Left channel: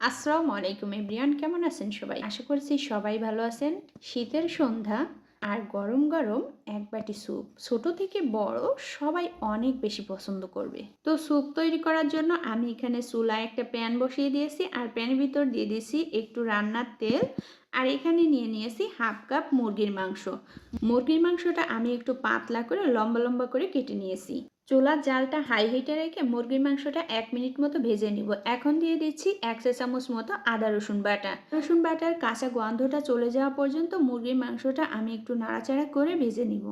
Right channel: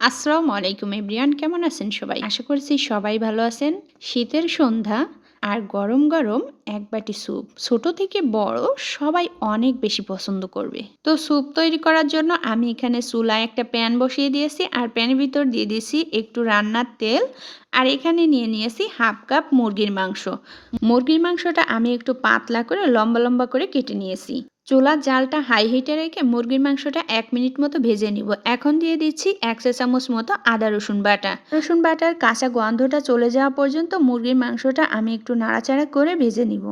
আসসালামু আলাইকুম এভরিওয়ান, কেমন আছেন সবাই? আশা করছি সবাই ভালো আছেন। শীতের সন্ধ্যা আর গরম গরম এক বাটি স্যুপ ছোট থেকে বড় সবাই অনেক বেশি পছন্দ করবে। তো স্যুপ তৈরি করার জন্য আমি এখানে চুলায় একটা প্যান বসিয়ে দিয়েছি আর প্যানের ভিতর দিয়ে দিয়েছি একটু রান্নার তেল। আর এখানে নিয়ে নিয়েছি হাফ কাপ মুরগির মাংস। মুরগির মাংসটা আমি একটু পাতলা করে লম্বা লম্বা করে কেটে নিয়েছি। চুলার জালটা হাই হিটে রেখে মুরগির মাংসটা 1 মিনিট মতো ভেজে নিব। এখন দিয়ে দিচ্ছি 1 চা-চামচ মতো আদা রসুন বাটা। রসুন বাটার কাঁচা গন্ধটা চলে যাওয়া পর্যন্ত মুরগির মাংসটা আমি একটু নাড়াচাড়া করে ভেজে নিব।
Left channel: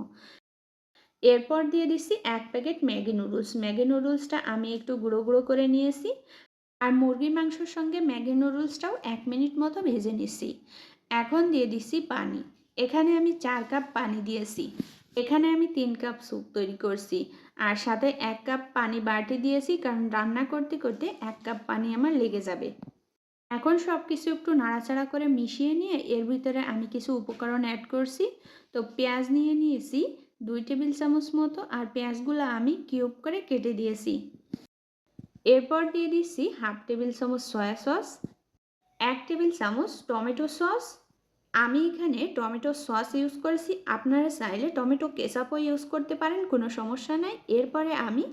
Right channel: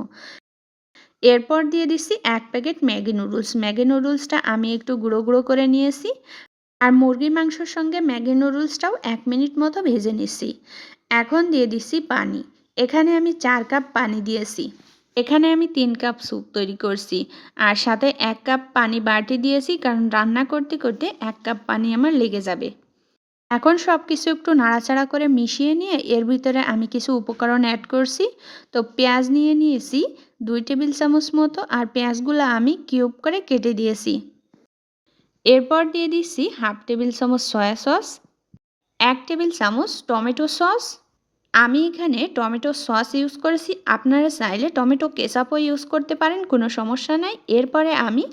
এরপর দিয়ে দিচ্ছি 1 প্যাকেট ম্যাগি নুডলস। ম্যাগি নুডলসটা আমি একটু গুঁড়ো গুঁড়ো করে নিয়েছি। আর মুরগির মাংসের সঙ্গে ম্যাগি নুডলসটাও 1 মিনিট মতো ভেজে নিচ্ছি। এখন দিয়ে দিচ্ছি পানি। এখানে আমি 4 কাপ পানি দিয়েছি। এখানে আমি 3 কাপ স্যুপ তৈরি করছি। আর সাথে 1 কাপ পানি বাড়তি দিয়েছি, কারণ রান্না করতে করতে 1 কাপ পানি আমার লেগে যাবে। এখন সব কিছু একটু নাড়াচাড়া করে মিশিয়ে নিয়ে এর ভিতরে আমি কিছু উপকরণ অ্যাড করছি। তো পেঁয়াজ নিয়ে নিয়েছি 2 টেবিল চামচ মতো, আর পেঁয়াজগুলো আমি কিউব করে কেটে দিয়েছি। এরপর দিয়ে দিচ্ছি হাফ টেবিল চামচ সয়া সস, 1 টেবিল চামচ টমেটো সস। আমি এখানে টমেটো সস ইউজ করেছি, আপনারা চাইলে টমেটো কেচাপও ইউজ করতে পারেন, কোনো সমস্যা নাই। এরপরে আমি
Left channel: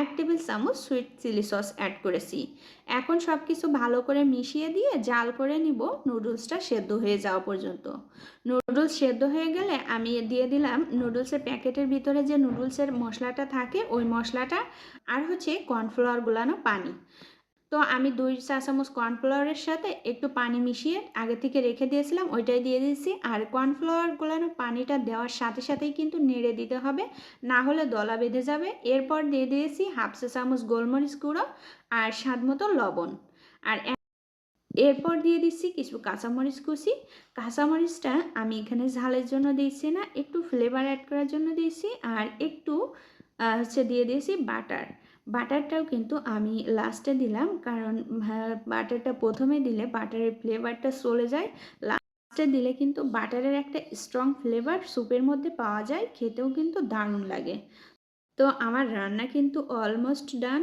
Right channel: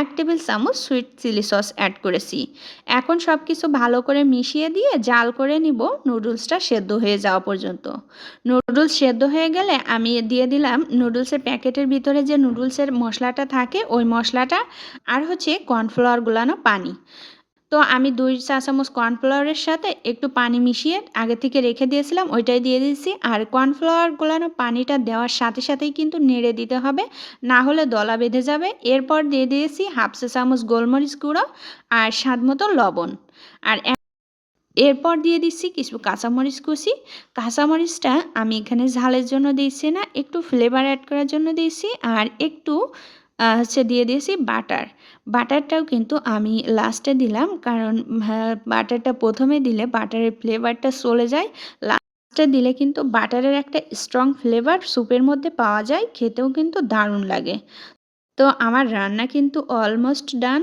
1 টেবিল চামচ সুইট চিলি সস অ্যাড করেছি। এখন সব কিছু ভালো করে মিশিয়ে দিয়ে জাল করে নিব নুডলসটা সেদ্ধ হয়ে যাওয়া পর্যন্ত। নুডলস সেদ্ধ হয়ে গেলে আমি দিয়ে দিলাম নুডলসের প্যাকেটের ভিতরে যে নুডলসের মশলাটা থাকে ওই মশলাটা, আর হচ্ছে কর্নফ্লাওয়ার গুলানো পানি। তো আমি 2 চা-চামচ কর্নফ্লাওয়ারের সাথে একটু পানি মিশিয়ে আগে থেকে রেখে দিয়েছিলাম, ওইটাই দিয়ে দিয়েছি। আর কর্নফ্লাওয়ার গোলানো পানিটা দেওয়ার সাথে সাথেই কিন্তু নেড়ে দিতে হবে, না হলে দলা বেঁধে যাবে। এরপর দিয়ে দিয়েছি হাফ চা-চামচ গোলমরিচ গুঁড়ো আর স্বাদ মতো লবণ। আর এরপর দিয়ে দিচ্ছি কিছু কাঁচামরিচ কুচি। কাঁচামরিচটা আমি এখানে ঝালের জন্য দিচ্ছি না, একটু ফ্লেভার অ্যাড করার জন্য দিয়েছি। আর একটু হচ্ছে দিয়ে দিয়েছি বাটার। বাটারটাও কিন্তু আমি লাস্টে দিলাম, কারণ বাটারটা প্রথমে দিলে বাটারের ফ্লেভারটা চলে যায়। লাস্টে দিলে কিন্তু বাটারের একটা স্ট্রং ফ্লেভার স্যুপের মধ্যে পাওয়া যায়, খেতেও কিন্তু দারুণ লাগে। তো আমার রান্না কিন্তু অলমোস্ট ডান।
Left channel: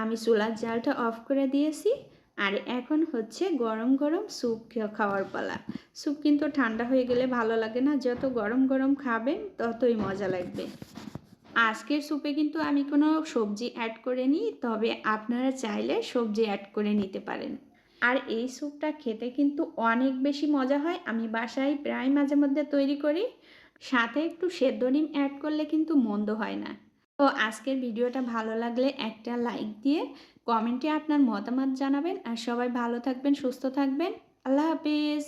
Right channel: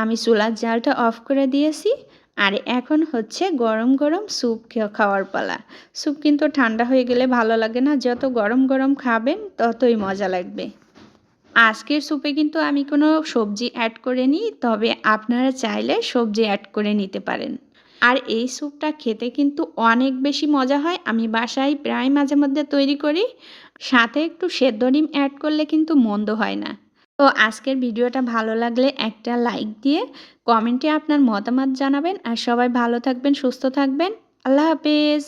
আমি চুলার জালটা অফ করে দিয়েছি। আর এখন হচ্ছে গরম গরম স্যুপ খাওয়ার পালা। স্যুপ কিন্তু ঠান্ডা হয়ে গেলে ভালো লাগে না, যত গরম গরম খাবেন ততই মজা লাগবে। আজকের স্যুপে কিন্তু আমি কোনো সবজি অ্যাড করিনি, তবে আপনারা চাইলে সবজি অ্যাড করে নিতে পারেন। আর এই স্যুপটা খেতে কিন্তু অনেক বেশি মজা হয়। আমি বাসায় প্রায় মাঝে মধ্যে তৈরি করি। সাথে একটু সেদ্ধ ডিম অ্যাড করলে কিন্তু মন্দ হয় না। তো আজকের ভিডিওটা ভালো লাগলে একটা লাইক দিয়ে কমেন্টে আপনার মতামত জানাবেন। আর সবাই ভালো থাকবেন, সুস্থ থাকবেন। আল্লাহ হাফেজ।